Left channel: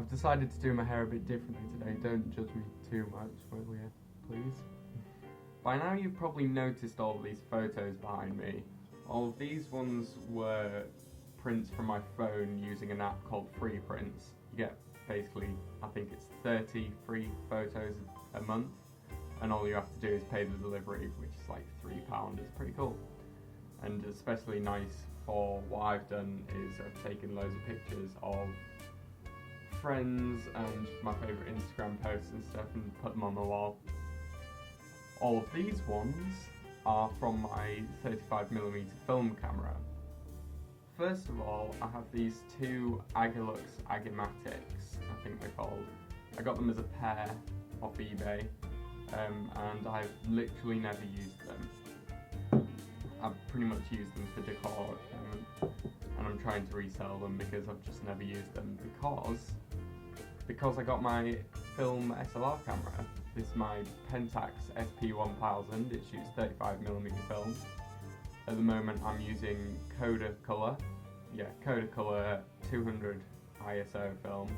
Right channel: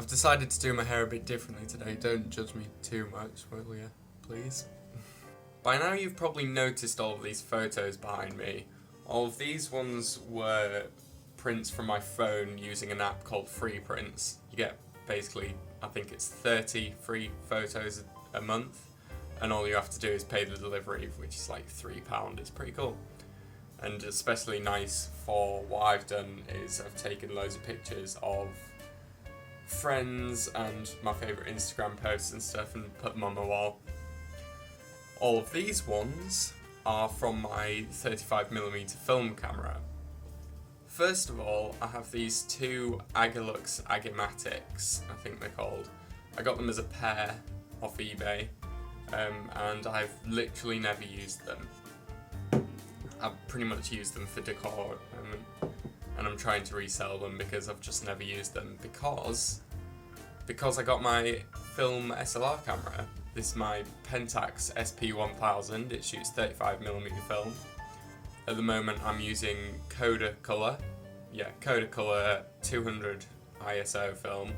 I've decided to do my hair a bit differently today. Don't judge me too much, will you? Please. By now you've probably noticed all of these photos behind me. All of these ones were prints from my phone using an app called Free Prints. You get basically, I think it's 30 free photos a month, and all you have to do is pay the delivery, which is like £3. It's pretty cool. And especially nice for what I've done is I've taken loads of pictures of friends and my favourite Instagram posts and stuff and put them on my wall. All of these ones are from my 35mm film camera. First of all, I have these two Agilux Agimatics, I think they're called. I got them as a pair off eBay, and I've literally never used them. I've pretty much used them for decor, and I'm trying to resell them because I've just never used them because I got my film SLR camera. This is my Pentax SP1000. It shoots 35mm film. At the moment I'm using Kodacolor 200 ISO film,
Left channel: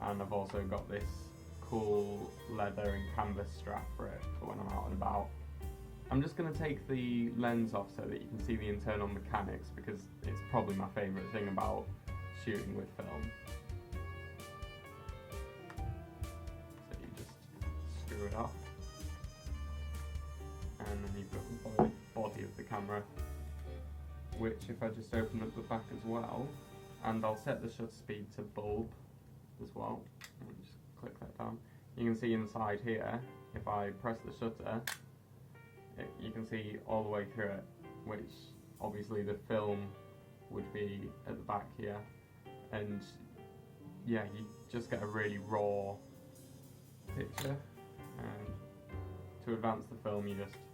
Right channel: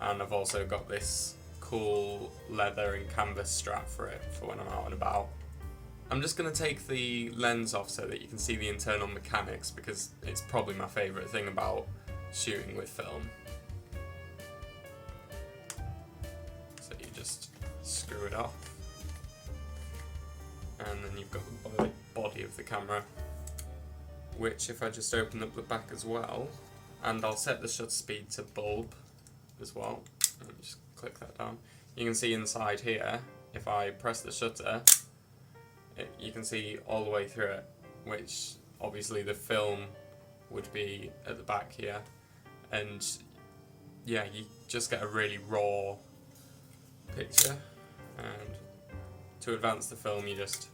and I've also got this cool leather and canvas strap for it for when I'm out and about. I'm just going to take the lens off so that you can see the internal mechanics, because it's probably my favourite thing about shooting with film. So you just screw it off, and then you've got the body of the camera, which if I just open up the back as well, and I'll set the shutter speed to bulb as well, and just click that down. You can see inside here, if I press the shutter, you can see all the way through it, which obviously the film would be at the back here, and yeah, you just get a really raw picture. And to advance the film, you just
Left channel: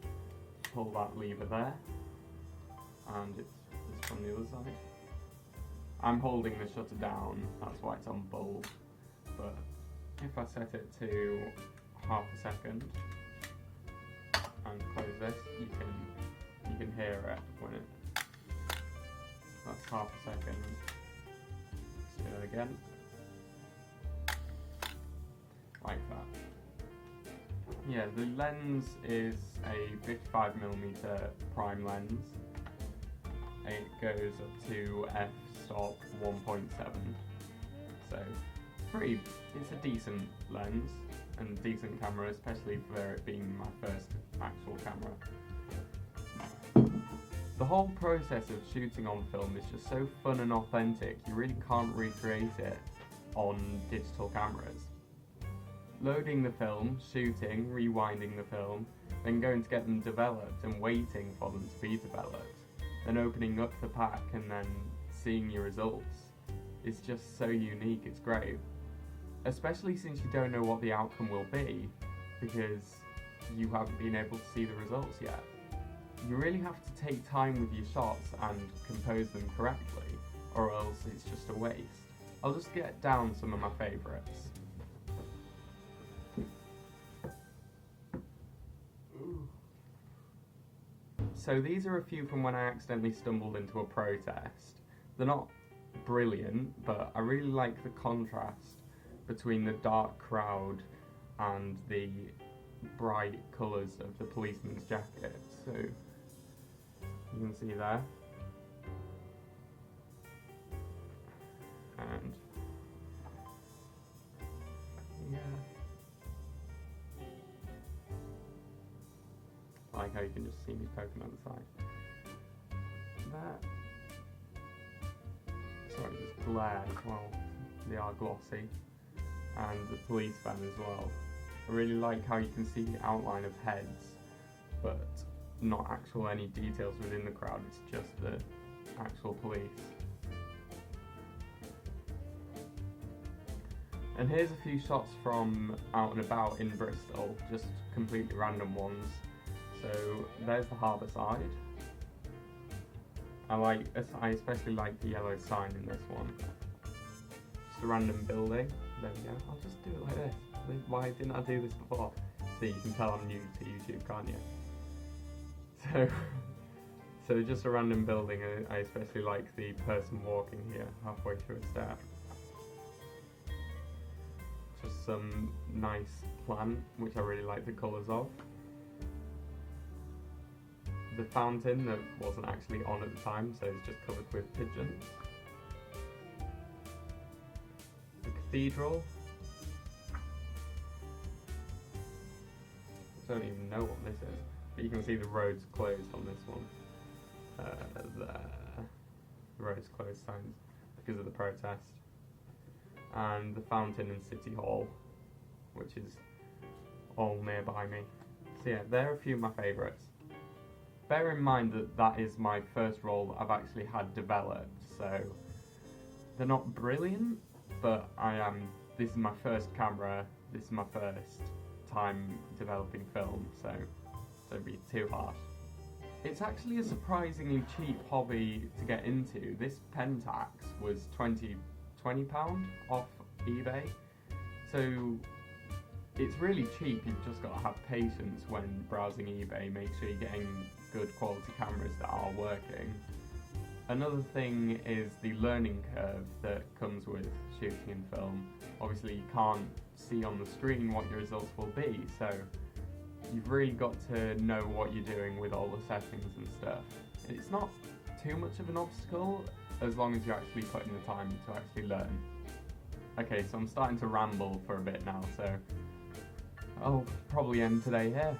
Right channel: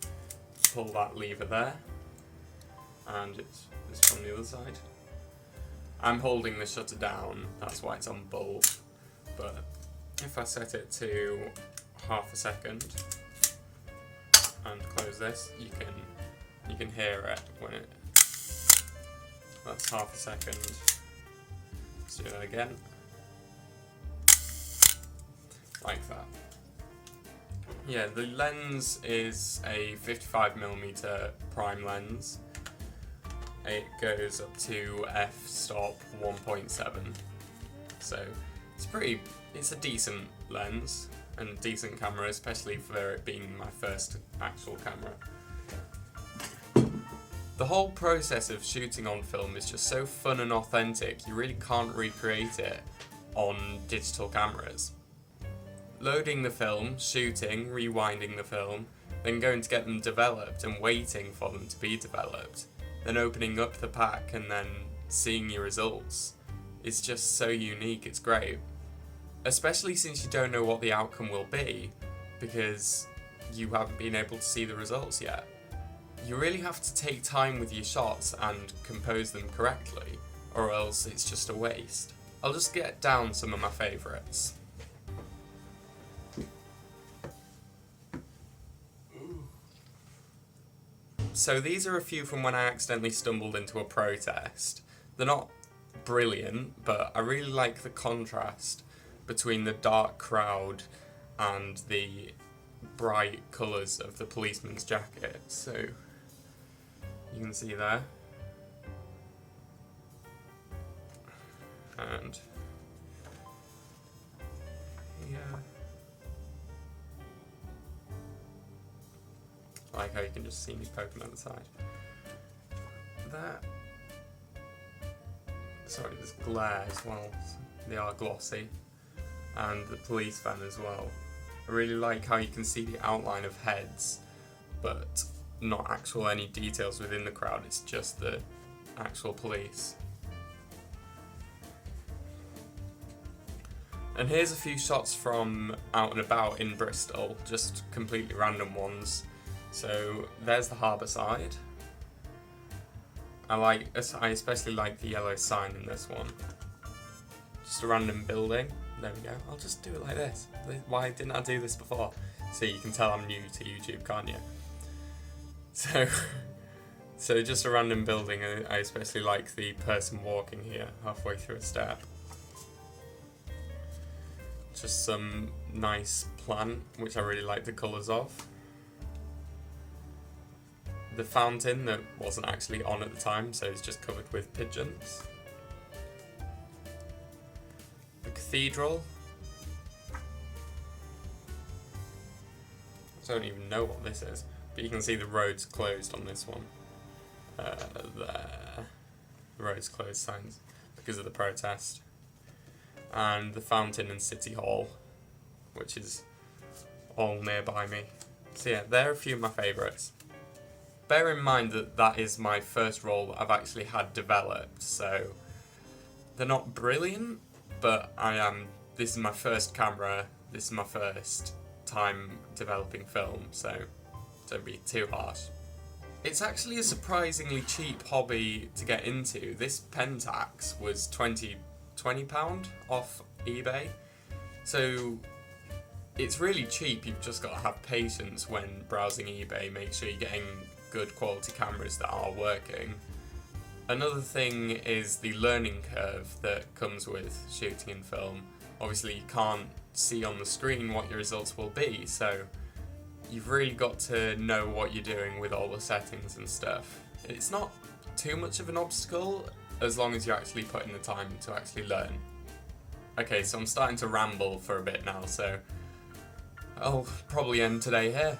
pull that lever there, and it's from the other side. I'm holding the shutter down, that's why it's on bulb, but if I set it to half a second and close this, you can hear it when it. That's half a second. Let's do that again. Like that. Yeah, the lens is a 55mm prime lens. It goes up to f-stop 1.7. So it's a decent lens and a decent camera, especially for it being my first actual camera. The whole process of shooting on film is just so fun and authentic, you really can't recreate it on digital cameras. Loading the film, shooting, rewinding the film, then going to get them developed and waiting for them to be developed, then opening up the pack and then seeing your results. It's just so unique, it's great. Especially since you don't know what the outcome will be, because you haven't been able to see the results yet. You really have to take time with your shots and compose them correctly, or else it's just a waste. I'll just get down some of my favourites. So these are a few from when I accidentally stumbled into a protest. They're not brilliant, but I really like the contrast between the dark crowd and the bright colours of the policeman's jacket. So you can see there. And yeah. I like how you can just see me poking at the side. That. Sorry, there's glare as well. They are glossy. And the police van as well. I really like how you can see the outline of heads, but not actual any details within the crowd, it's just the actual police. And here's a few shots from out and about in Bristol, just completely random ones. So there's the harbour side. I especially like the yellow sign in this one. Just a random building. There we go. I'll just do it like this. Why didn't I do this before? See, you can tell I'm new to YouTube, can't you? So just a random building. I especially like the person walking here halfway through a step. just some nice plant, which I really like the colours of. The fountain that wasn't actually on at the time, so it's just covered with pigeons. The cathedral. I don't even know what this is, but you can see the road's closed on this one. There. The road's closed signs because of the protest. And the fountain and City Hall, which is all nearby me. So yeah, they're a few of my favourites. Bear in mind that that is my first role that I've actually had developed, so they're not brilliant, but this is my first camera, this is my first time developing film, so don't be too harsh. It's actually a surprisingly cheap hobby to get into. This Pentax was £20 off eBay, so it's really cheap. You've just got to have patience when browsing eBay, make sure you're getting good quality cameras that are working. Another thing is the learning curve that comes with shooting in film. Obviously you can't see on the screen what your results will be, so you've really got to know what you're doing with all the settings and stuff. It's not too much of an obstacle as long as you're actually putting the time to actually learn. Okay, so I'm starting to ramble for a bit now, so I'll probably end today here.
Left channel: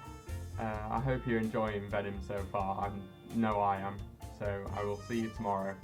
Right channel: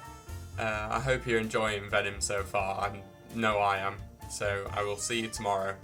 I hope you're enjoying Vedim so far. I know I am, so I will see you tomorrow.